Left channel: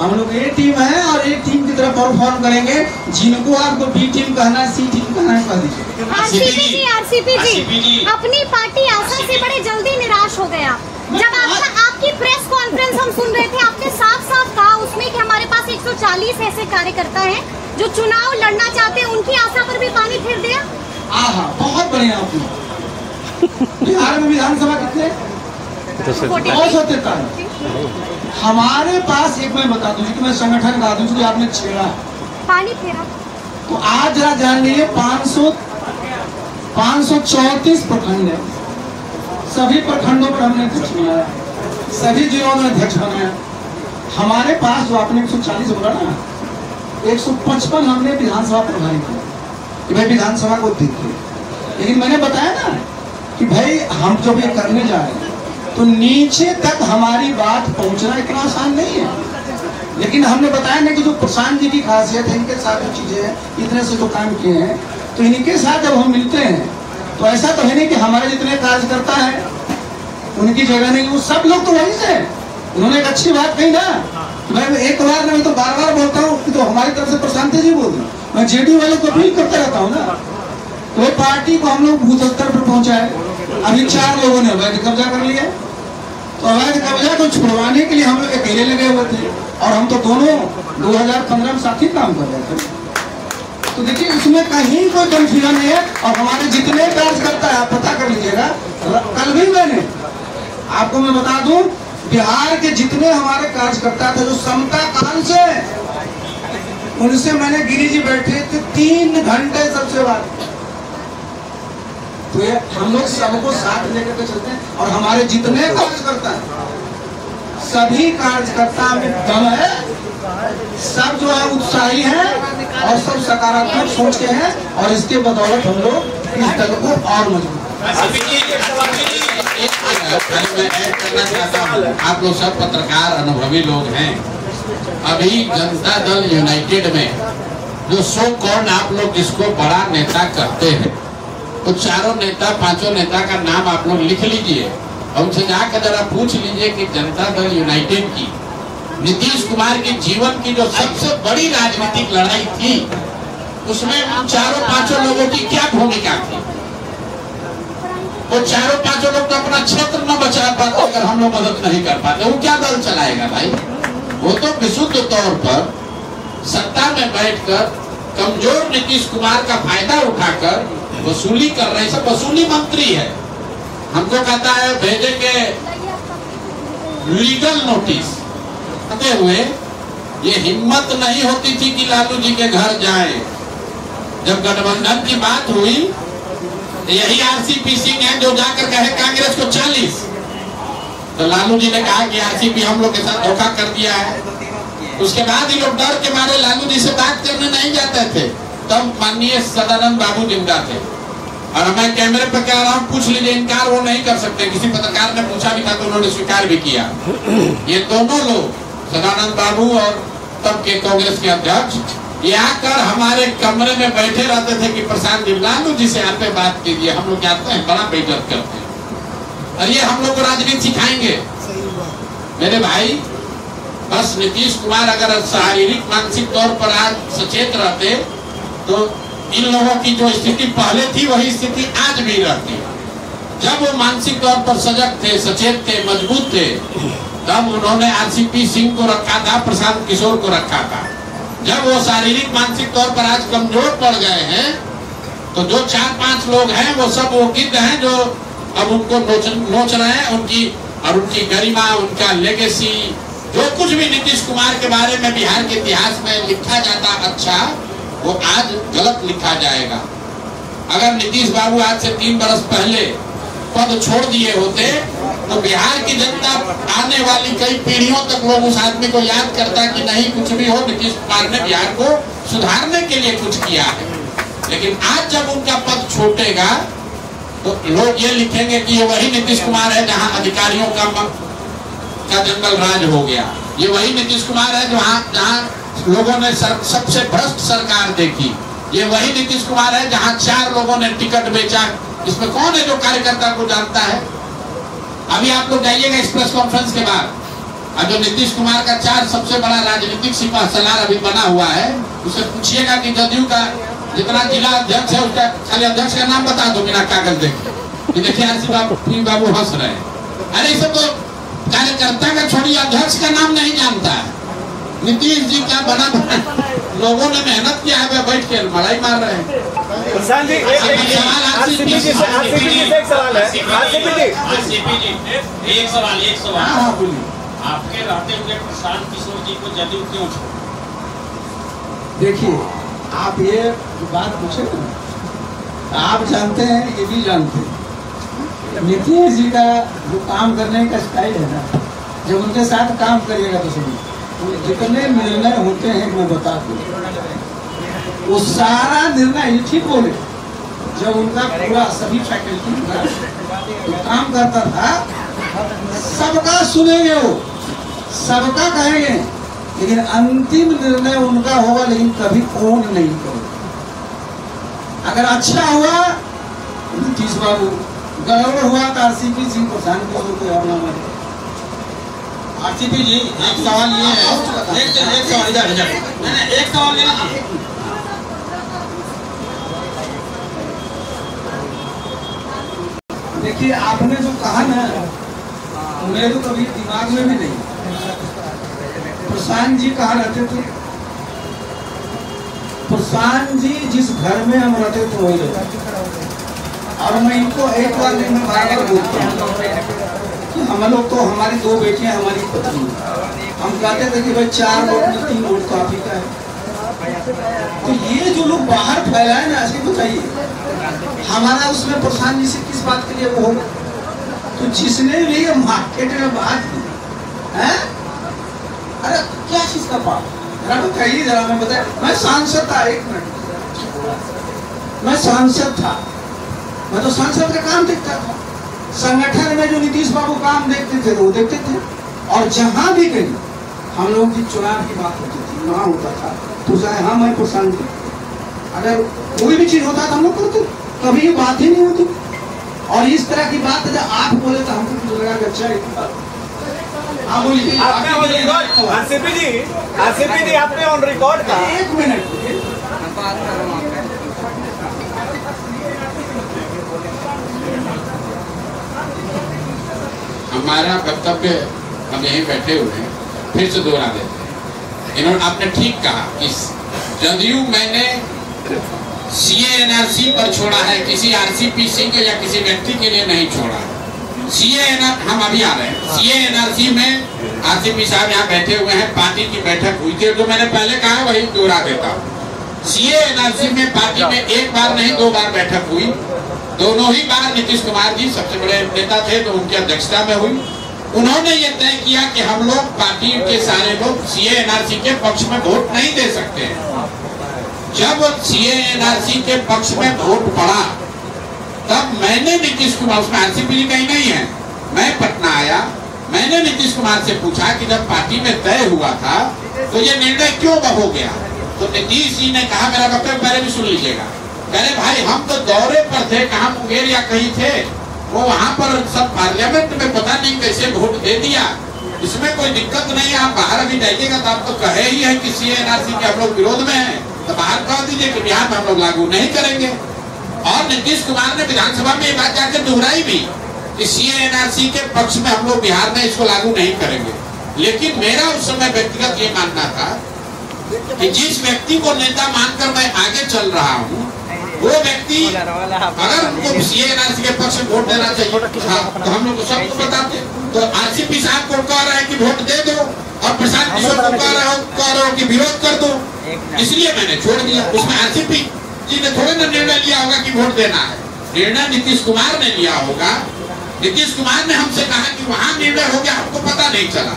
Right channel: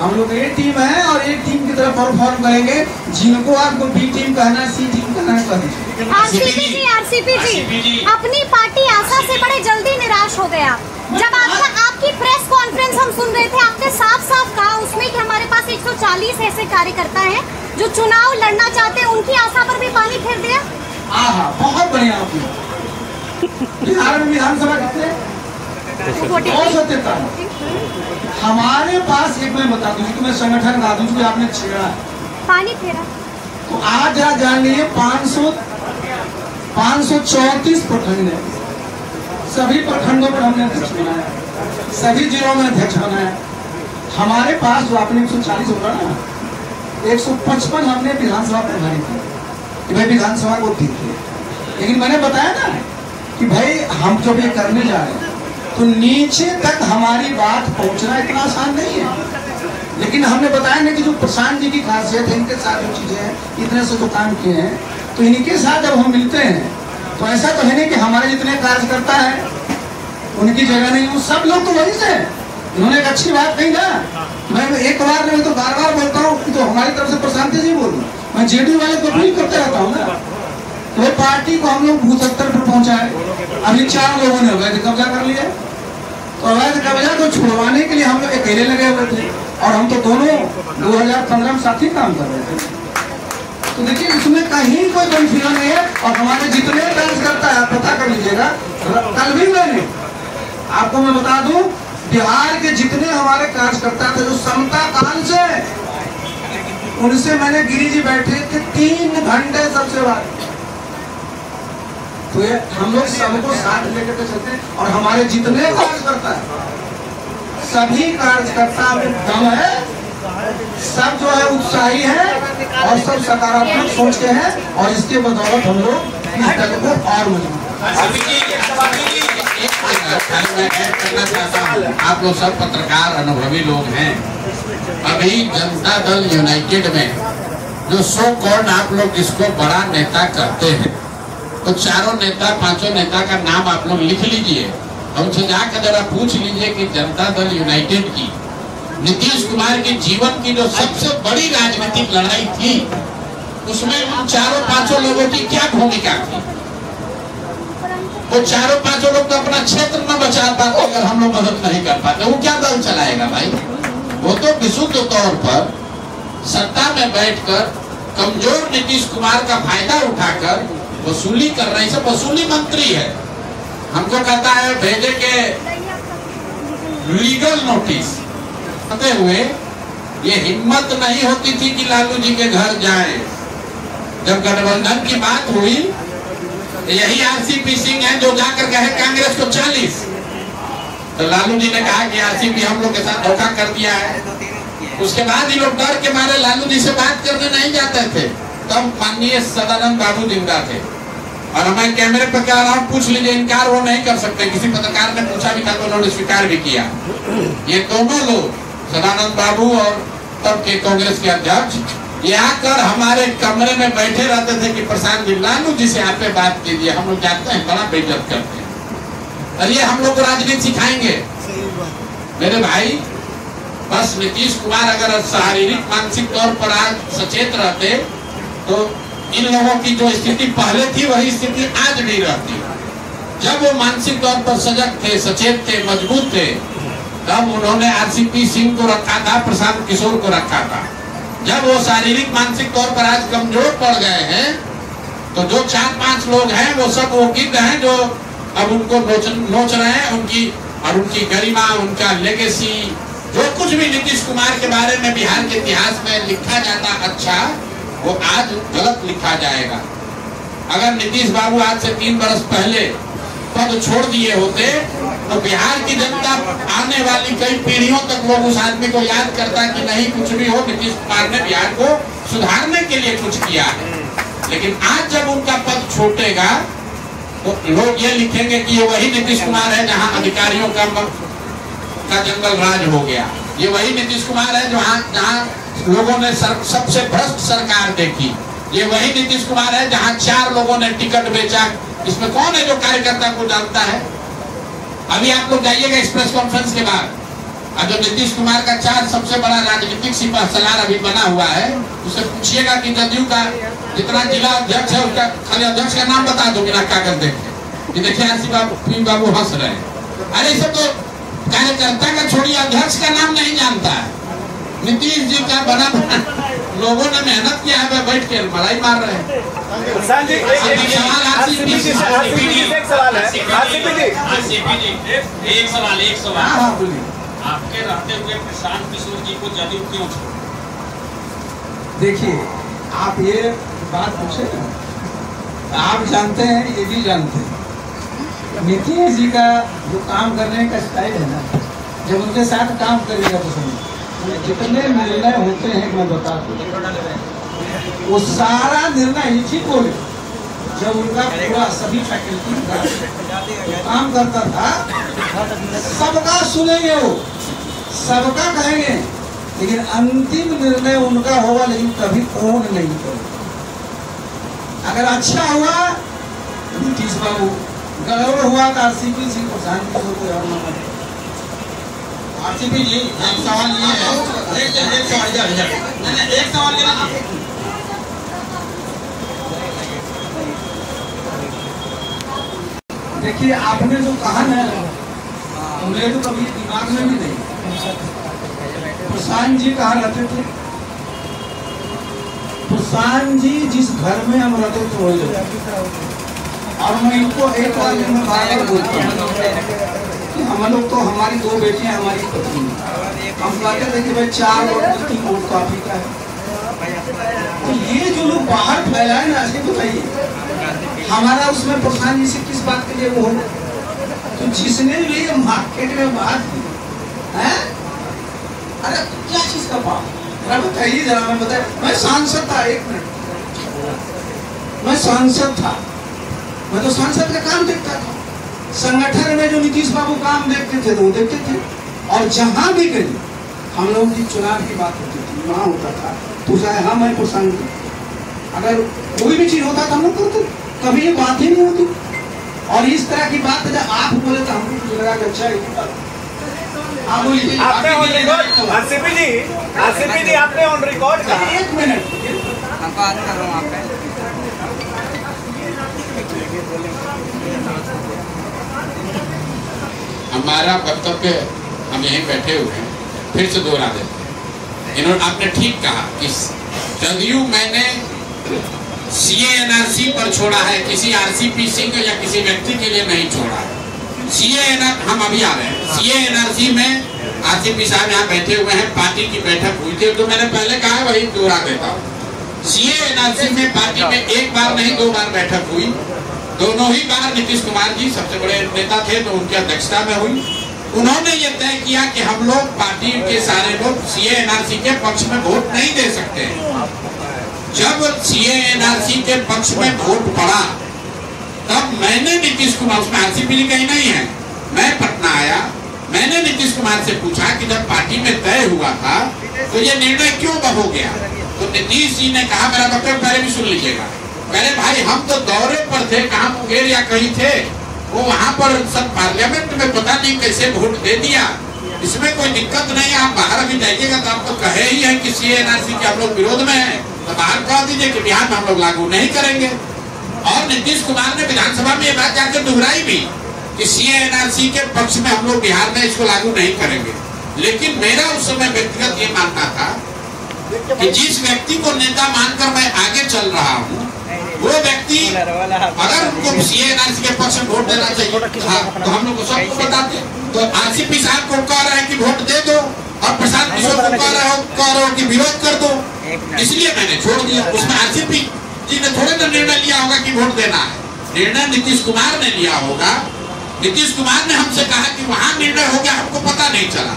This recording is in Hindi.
हम लोग ए टीम है और ए टीम की तरफ परफॉर्म करेंगे। जिनको आपको बी टीम कहना है, सी टीम कहना है, कह दीजिए। आरसीपी जी, अपनी पार्टी आशा से बड़े जल्दी निराश हो गया। जब आपकी प्रेस कॉन्फ्रेंस हम सुन रहे थे, आपने साफ साफ कहा उसमें कि हमारे पास 140 ऐसे कार्यकर्ता हैं जो चुनाव लड़ना चाहते हैं, उनकी आशा पर भी पानी फेर दिया। बहुत बढ़िया आपने। बिहार में विधानसभा कितने? 243। हमारे पास एक मैं बता दूं कि मैं संगठन गा दूं कि आपने छेड़ा पानी फेरा, तो आज जरा जान लीजिए 534 प्रखंड है। सभी प्रखंडों पर हमने अध्यक्ष बनाया, सभी जिलों में अध्यक्ष बनाया। हमारे पास जो आपने 140 बोला ना, 155 हमने विधानसभा प्रभारी किया कि भाई विधानसभा को देखिए। लेकिन मैंने बताया ना कि भाई हम जब ये करने जा रहे हैं तो नीचे तक हमारी बात पहुंचना इतना आसान नहीं है। लेकिन हमने बताया ना कि जो प्रशांत जी की खासियत है, इनके साथ जो चीजें हैं, इतने से जो काम किए हैं, तो इनके साथ जब हम मिलते हैं तो ऐसा तो है नहीं कि हमारे जितने कार्यकर्ता हैं उनकी जगह नहीं, वो सब लोग तो वही से। उन्होंने एक अच्छी बात कही ना, मैं एक बार नहीं तो बार बार बोलता हूँ कि तो हमारी तरफ से प्रशांत जी बोली, मैं जेडी वाले को अपील करते रहता हूँ ना, वो पार्टी को हम लोग भूत स्तर पर पहुंचाए। अभी 4 लोगों ने अवैध कब्जा कर लिया, तो अवैध कब्जा को छुड़वाने के लिए हम लोग अकेले लगे हुए थे, और हम तो दोनों 2015 में साथ ही काम कर रहे थे। तो देखिए इसमें कहीं कोई कंफ्यूजन नहीं है। और हमारे जितने कार्यकर्ता है, पता कर लीजिएगा, कल भी मैंने आपको मैं बता दूं, बिहार के जितने हमारे कार्यकर्ता थे जो समता काल से, उनसे मैंने गिरी जी बैठे थे 3 घंटे सबसे बात। तो ये हम लोग सबको साथ लेकर के चलते हैं, और हमारे जितने कार्यकर्ता है, सभी कार्यकर्ता में दम है, सब जो है उत्साही है और सब सकारात्मक सोच के हैं, और इसके बदौलत हम लोग इस दल को और मजबूत। आप लोग सब पत्रकार अनुभवी लोग हैं। अभी जनता दल यूनाइटेड में जो सो कौन आप लोग जिसको बड़ा नेता कहते हैं, तो चारों नेता 5 नेता का नाम आप लोग लिख लीजिए, हमसे जाकर जरा पूछ लीजिए कि जनता दल यूनाइटेड की नीतीश कुमार के जीवन की जो सबसे बड़ी राजनीतिक लड़ाई थी, उसमें उन 4-5 लोगों की क्या भूमिका थी। वो 4-5 लोग तो अपना क्षेत्र न बचा पाते अगर हम लोग मदद नहीं कर पाते, वो क्या दल चलाएगा भाई। वो तो विशुद्ध तौर पर सत्ता में बैठकर कमजोर नीतीश कुमार का फायदा उठाकर वसूली कर रहे, सब वसूली मंत्री है। हमको कहता है भेजे के लीगल नोटिस करते हुए, ये हिम्मत नहीं होती थी कि लालू जी के घर जाए। जब गठबंधन की बात हुई, यही आरसीपी सिंह है जो जाकर कहे कांग्रेस को 40, तो लालू जी ने कहा कि आरसीपी हम लोग के साथ धोखा कर दिया है। उसके बाद ये लोग डर के मारे लालू जी से बात करने नहीं जाते थे। तब माननीय सदानंद बाबू जिंदा थे, और मैं कैमरे पर कह रहा हूँ, पूछ लीजिए, इनकार वो नहीं कर सकते। किसी पत्रकार ने पूछा भी था तो उन्होंने स्वीकार भी किया। ये दोनों लोग, सदानंद बाबू और तब के कांग्रेस के अध्यक्ष, ये आकर हमारे कमरे में बैठे रहते थे कि प्रशांत जी, लालू जी से आप बात कीजिए, हम लोग जाते हैं, बड़ा बेइज्जत करते हैं, और ये हम लोग को राजनीति सिखाएंगे। मेरे भाई, बस नीतीश कुमार अगर शारीरिक मानसिक तौर पर आज सचेत रहते तो इन लोगों की जो स्थिति पहले थी वही स्थिति आज भी रहती। जब वो मानसिक तौर पर सजग थे, सचेत थे, मजबूत थे, तब उन्होंने आरसीपी सिंह को रखा था, प्रशांत किशोर को रखा था। जब वो शारीरिक मानसिक तौर पर आज कमजोर पड़ गए हैं, तो जो 4-5 लोग हैं वो सब वो गिद्ध हैं जो अब उनको नोच रहे हैं। उनकी गरिमा, उनका लेगेसी, जो कुछ भी नीतीश कुमार के बारे में बिहार के इतिहास में लिखा जाता अच्छा, वो आज गलत लिखा जाएगा। अगर नीतीश बाबू आज से 3 बरस पहले पद छोड़ दिए होते तो बिहार की जनता आने वाली कई पीढ़ियों तक लोग उस आदमी को याद करता कि नहीं, कुछ भी हो, नीतीश कुमार ने बिहार को सुधारने के लिए कुछ किया है। लेकिन आज जब उनका पद छूटेगा तो लोग ये लिखेंगे कि ये वही नीतीश कुमार है जहां अधिकारियों का जंगल राज हो गया। ये वही नीतीश कुमार है जहां लोगों ने सबसे भ्रष्ट सरकार देखी। ये वही नीतीश कुमार है जहां 4 लोगों ने टिकट बेचा। इसमें कौन है जो कार्यकर्ता को जानता है? अभी आप लोग जाइएगा इस प्रेस कॉन्फ्रेंस के बाद, और जो नीतीश कुमार का 4 सबसे बड़ा राजनीतिक सिपह सलार अभी बना हुआ है, उसे पूछिएगा कि जदयू का जितना जिला अध्यक्ष है उसका खाली अध्यक्ष का नाम बता दो बिना कागज देखे कि देखिए आरसी बाबू हंस रहे हैं। अरे सब तो कार्यकर्ता का छोड़िए, अध्यक्ष का नाम नहीं जानता है। नीतीश जी का बना लोगों ने मेहनत किया है, बैठ के लड़ाई मार रहे हैं। एक सवाल आपके रहते हुए प्रशांत किशोर जी को जदयू क्यों छोड़ा? देखिए, आप ये बात पूछे ना, आप जानते हैं, ये भी जानते हैं, नीतीश जी का जो काम करने का स्टाइल है ना, जब उनके साथ काम करिएगा तो समझ जितने निर्णय होते हैं मैं बता दूं, वो सारा निर्णय ये ठीक हो गया जब उनका पूरा सभी फैकल्टी का काम करता था। सबका सुनेंगे, वो सबका कहेंगे, लेकिन अंतिम निर्णय उनका होगा, लेकिन कभी फोन नहीं करोगे। अगर अच्छा हुआ नीतीश बाबू, गड़बड़ हुआ तो आरसीपी सिंह प्रशांत किशोर को और नाम है। आरसीपी जी, एक सवाल ये है, एक सवाल इधर एक सवाल ये, देखिए आपने जो कहा ना, मेरे तो कभी दिमाग में भी नहीं। प्रशांत जी कहाँ रहते थे? प्रशांत जी जिस घर में हम रहते थे वही रहते। और मैं इनको एक बार में बार बोलता हूँ कि हम लोग तो, हमारी 2 बेटियां, हमारी पत्नी, हम कहते थे कि भाई 4 वोट में 3 वोट तो आप ही का है। तो ये जो लोग बाहर फैलाए ना, ऐसे बताइए हमारा उसमें प्रशांत जी से किस बात के लिए वो होगा? तो जिसने भी ये मार्केट में बात की है, अरे क्या चीज का पाप? जरा बताइए, जरा मैं बताया। मैं सांसद था, 1 मिनट, मैं सांसद था, मैं तो सांसद का काम देखता था। संगठन में जो नीतीश बाबू काम देखते थे तो वो देखते थे, और जहां भी गए हम लोगों की चुनाव की बात होती थी, वहां होता था तो चाहे हम मैं प्रशांत जी, अगर कोई भी चीज होता था हम लोग करते, कभी ये बात ही नहीं होती। और इस तरह की बात जब आप बोले तो हमको कुछ लगा कि अच्छा आप बोलिए। आरसीपी जी आपने ऑन रिकॉर्ड कहा। 1 मिनट बात कर रहा हूँ। हमारा वक्तव्य हम यहीं बैठे हुए हैं, फिर से दोहरा देते। इन्होंने आपने ठीक कहा कि जदयू मैंने सीए एनआरसी पर छोड़ा है, किसी आरसीपी सिंह या किसी व्यक्ति के लिए नहीं छोड़ा। सीए हम अभी आ रहे हैं, सीए एनआरसी में आरसीपी साहब यहाँ बैठे हुए हैं, पार्टी की बैठक हुई थी, तो मैंने पहले कहा है वही दोहरा देता हूँ। सीए एनआरसी में पार्टी में 1 बार नहीं 2 बार बैठक हुई। दोनों ही बार नीतीश कुमार जी सबसे बड़े नेता थे तो उनकी अध्यक्षता में हुई। उन्होंने ये तय किया कि हम लोग पार्टी के सारे लोग सीए एनआरसी के पक्ष में वोट नहीं दे सकते हैं। जब सीए एनआरसी के पक्ष में वोट पड़ा तब मैंने नीतीश कुमार, उसमें आरसीपी कहीं नहीं है, मैं पटना आया, मैंने नीतीश कुमार से पूछा कि जब पार्टी में तय हुआ था तो ये निर्णय क्यों हो गया? तो नीतीश जी ने कहा, मेरा वक्तव्य पहले भी सुन लीजिएगा, कहे भाई हम तो दौरे पर थे, कहाँ मुंगेर या कहीं थे, वो वहाँ पर सब पार्लियामेंट में पता नहीं कैसे वोट दे दिया, इसमें कोई दिक्कत नहीं है। आप बाहर भी जाइएगा तो आपको कहे ही है कि सीए एनआरसी के हम लोग विरोध में है, तो बाहर कह दीजिए कि बिहार में हम लोग लागू नहीं करेंगे। और नीतीश कुमार ने विधानसभा में ये बात जाकर दोहराई भी कि सीए एनआरसी के पक्ष में हम लोग बिहार में इसको लागू नहीं करेंगे। लेकिन मेरा उस समय व्यक्तिगत ये मानना था कि जिस व्यक्ति को नेता मानकर मैं आगे चल रहा हूँ, वो व्यक्ति अगर उनको सीए एनआरसी के पक्ष में वोट देना चाहिए, हाँ, तो हम लोग को सबको बताते। तो आरसीपी साहब को कह रहे हैं कि वोट दे दो, और प्रशांत किशोर को कह रहे हो कि विरोध कर दो, इसलिए मैंने छोड़ दिया। उसमें आरसीपी जी ने थोड़े ना निर्णय लिया होगा कि वोट देना है, निर्णय नीतीश कुमार ने लिया होगा। नीतीश कुमार ने हमसे कहा कि वहां निर्णय हो गया, हमको पता नहीं चला।